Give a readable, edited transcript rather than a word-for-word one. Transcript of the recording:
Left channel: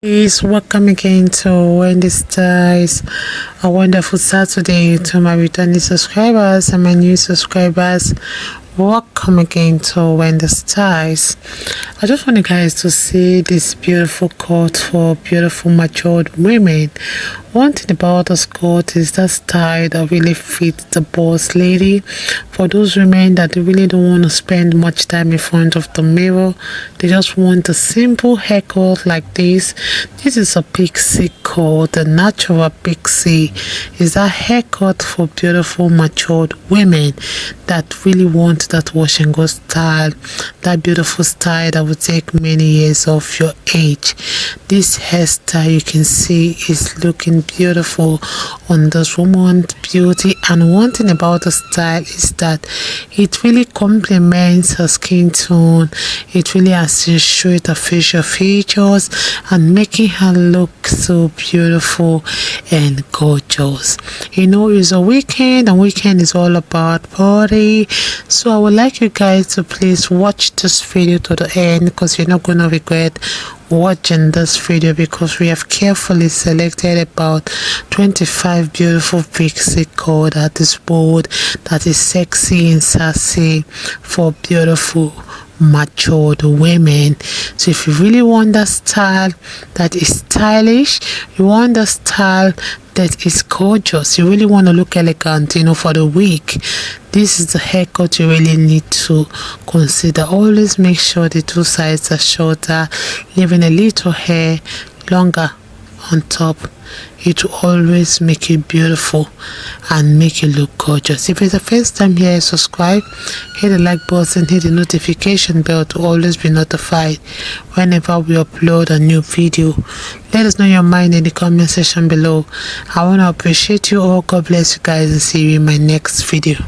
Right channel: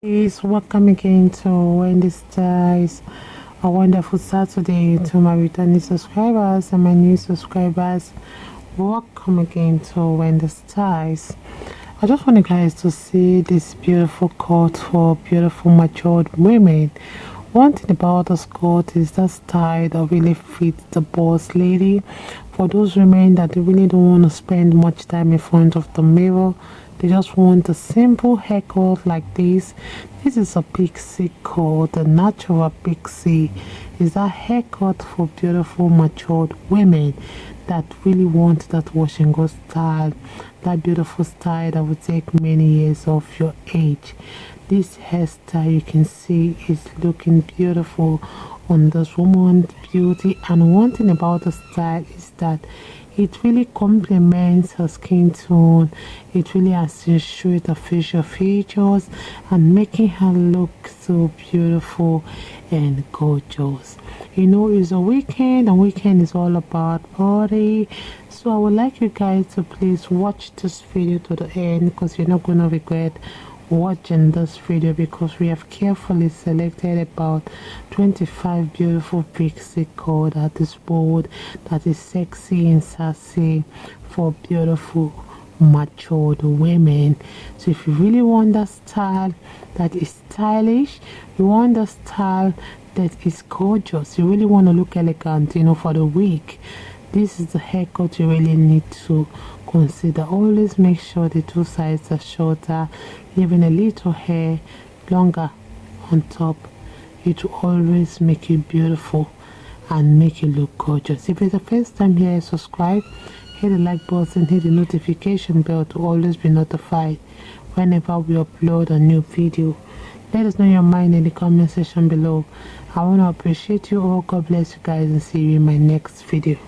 Please welcome again to Wendy Styles. A wonderful Saturday to my returning subscribers and my new subscribers. Welcome again to Wendy Styles. I just want you guys to see this beautiful coat for beautiful matured women. One thing about this coat is that style that really fits the boss lady. For those women that really don't want to spend much time in front of the mirror, they just want a simple haircut like this. This is a Pixie coat. The natural Pixie is a haircut for beautiful matured women that really want that wash and go style, that beautiful style that will take many years of your age. This hairstyle you can see is looking beautiful on this woman's beauty, and one thing about the style is that it really complements her skin tone. It really accentuates her facial features and making her look so beautiful and gorgeous. You know, it's a weekend and weekend is all about party, so I would like you guys to please watch this video to the end because you're not gonna regret watching this video, because we have carefully selected about 25 beautiful Pixie coat that is bold, that is sexy and sassy for beautiful matured women. So if you really want that style that is stylish, you want the style that is gorgeous, you really want to look elegant, you know, for the week, this is the haircut you really need to consider. Always make sure the two sides are shorter, leaving a little hair longer on top. It will always make you beautiful and make you look gorgeous. If it's the first time here, subscribe, hit the like button, hit the notification bell to always be notified whenever we upload a new video. Let us know your mind in the comment section below. I want to appreciate you all. God bless you guys and see you in my next video.